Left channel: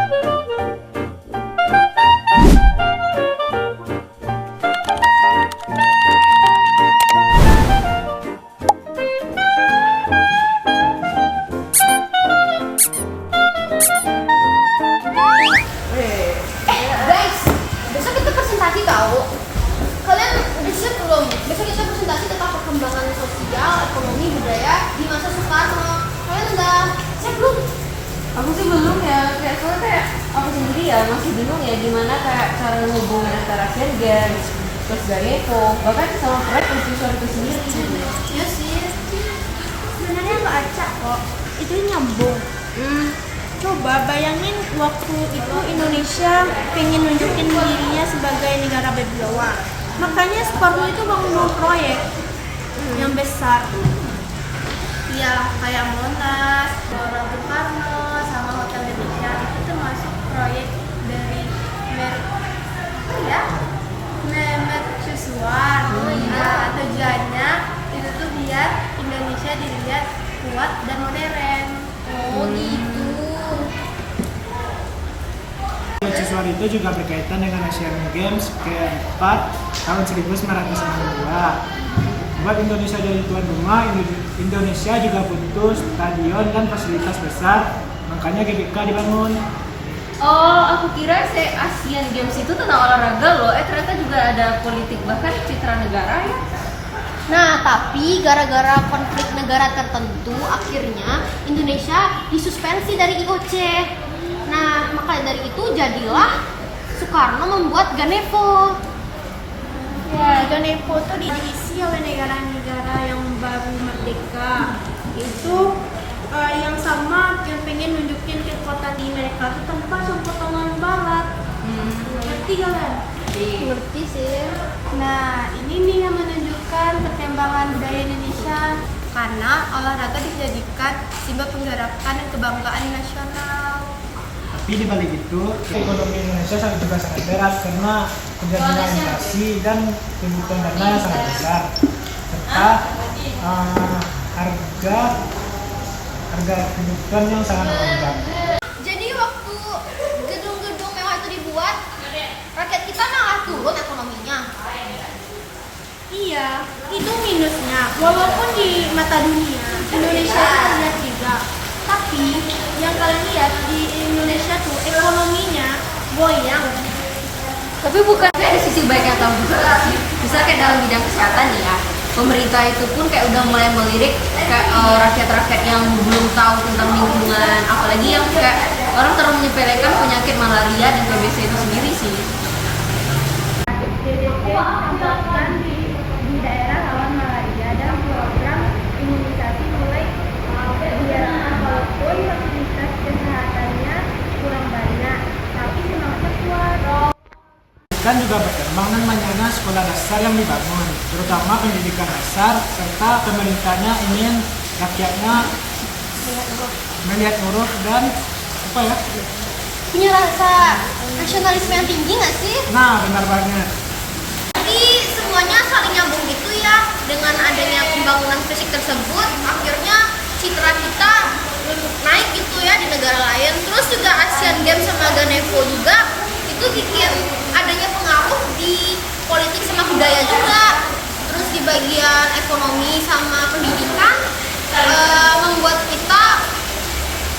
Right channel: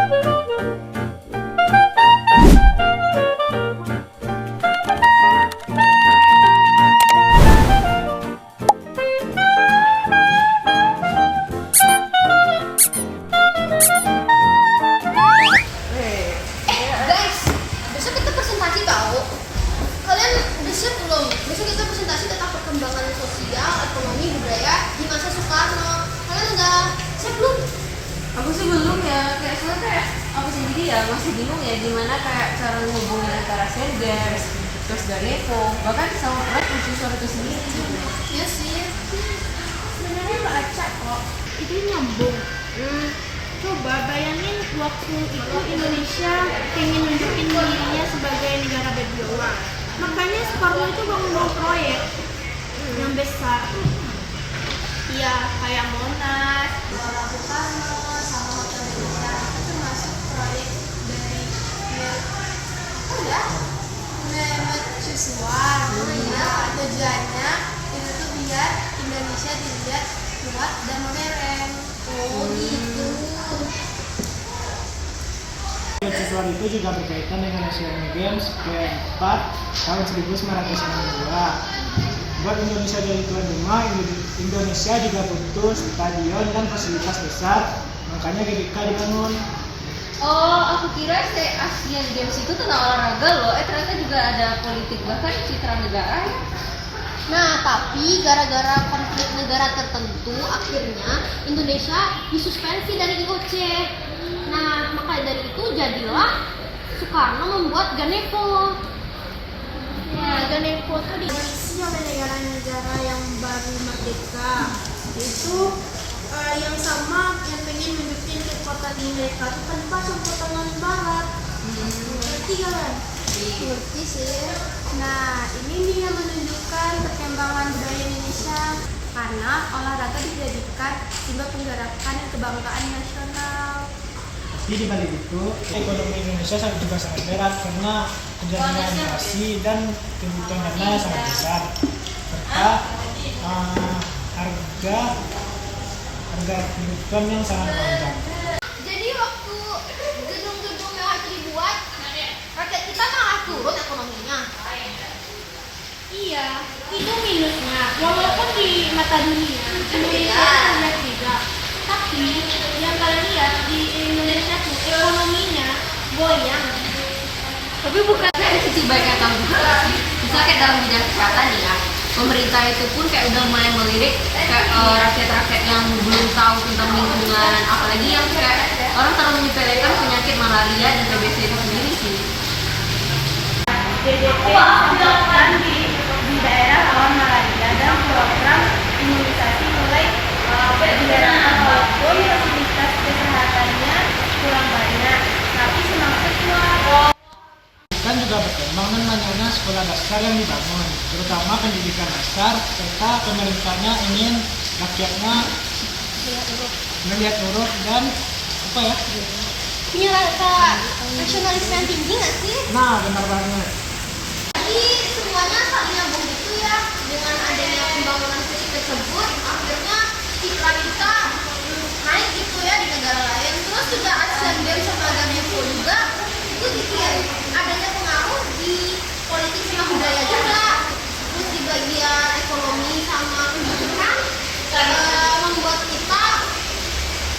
Guys, besok kita presentasi tahu. Kalian udah siap belum? Besok kita presentasi tentang perkembangan sosial, ekonomi, budaya di masa Soekarno. Kalian udah siap belum? Aku sih belum ya, soalnya kayak aku sendiri ya masih bingung ya gimana kayak cara menghubungkan antara Asian Games, terus Ganevo, bahkan sama Pride Constitution itu sendiri. Iya sih. Sebenarnya nggak acak kok, itu nyambung. Coba bayangin waktu itu Indonesia pengen nunjukin dirinya sebagai negara berwibawa. Makanya Soekarno itu bangun proyek yang besar. Iya, kayak Monas, Gelora Bung Karno, sama Hotel Indonesia itu termasuk proyek dari mercusuar. Nah, tujuannya itu tuh biar Indonesia dilihat kuat dan modern. Oh gitu. Mercusuar itu juga berkaitan dengan Asian Games keempat tahun 1962. Buat Indonesia jadi tuan rumah, Indonesia juga butuh stadion dan fasilitas besar, makanya GBK dibangun. Oh, aku kira Asian Games itu tentang olahraga loh. Ternyata juga ada politik, bahkan citra negara ya. Nah, tapi gara-gara konflik negara tertentu, akhirnya Indonesia disuspensi dari IOC. Nah, maka dari itu jadilah Soekarno membuat Ganevo. Ya, Ganevo itu diisi oleh negara-negara yang baru merdeka. Itu yang sama yang pengen nunjukin kekuatan di mereka itu tanpa campur tangan Barat. Ngerti kalian? Ngerti sih. Nah, ini nih yang menunjukkan perkembangan budaya Indonesia karena olahraga dijadikan simbol penggerakan dan kebanggaan nasional. Tapi di balik itu, ekonomi Indonesia juga sangat berat karena terjadinya inflasi dan kebutuhan dana yang sangat besar, serta harga kebutuhan yang sangat melonjak. Jadi waktu gedung-gedung mewah itu dibuat, rakyat kita malah turun ekonominya. Iya, itu minusnya. Walaupun di mata dunia Indonesia itu terlihat juga, tapi yang kalian lihat di Indonesia tuh ekonominya goyang. Tapi bukan kayak sisi baik atau buruk sih. Misal kayak dalam bidang kesehatan nih ya, pemerintah itu pun kayak udah mulai melirik kayak rakyat-rakyat yang belum tahu tentang lingkungan, apalagi yang kayak orang terlalu menyepelekan penyakit malaria dan TBC itu sendiri sih. DDP disampaikan di daerah rawan malaria dan program imunisasi mulai dijalankan walaupun fasilitas kesehatannya kurang banyak, tapi semangat kuat. Kan juga berkembang namanya sekolah dasar yang dibangun, terutama pendidikan dasar, serta pemerintahnya ingin rakyatnya melihat huruf dan apa ya? Punya rasa nasionalisme yang tinggi nggak sih? Nah, benar banget. Jadi semuanya saling nyambung gitu ya. Dengan adanya pembangunan fisik tersebut, akhirnya citra kita naik gitu ya di negara lain. Terus juga Asian Games sama Ganevo juga itu bikin adanya pengaruh di politik sama budaya juga. Terus di bagian ekonomi sama pendidikan membuat kita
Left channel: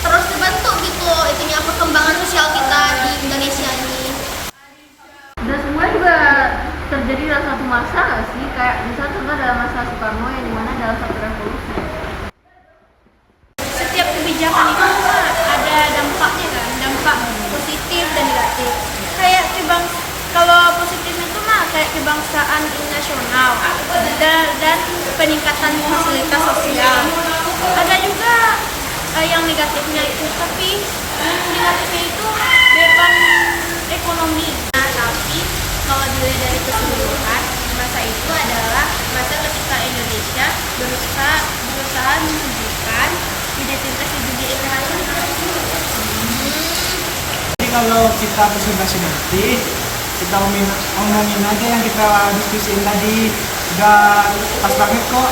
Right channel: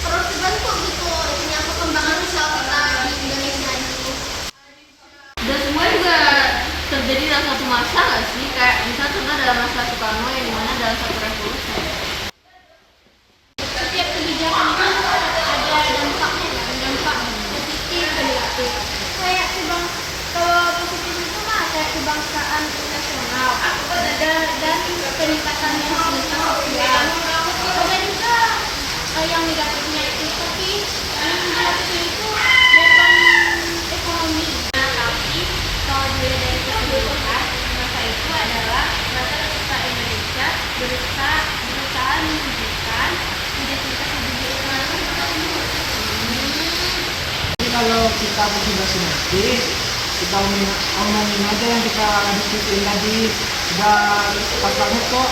terus terbentuk gitu loh itunya perkembangan sosial kita di Indonesia ini. Dan semua juga terjadi dalam satu masa nggak sih? Kayak misalnya contoh dalam masa Soekarno yang dimana dalam satu revolusi. Setiap kebijakan itu ada dampaknya kan, dampak positif dan negatif. Kayak kalau positif itu mah kayak kebangsaan nasional dan peningkatan fasilitas sosial. Ada juga yang negatifnya itu, tapi yang negatifnya itu beban ekonomi. Nah, tapi kalau dilihat dari keseluruhan, masa itu adalah masa ketika Indonesia berusaha menunjukkan identitas dunia internasional. Jadi kalau kita presentasi nanti, kita omongin aja yang kita diskusiin tadi, udah pas banget kok.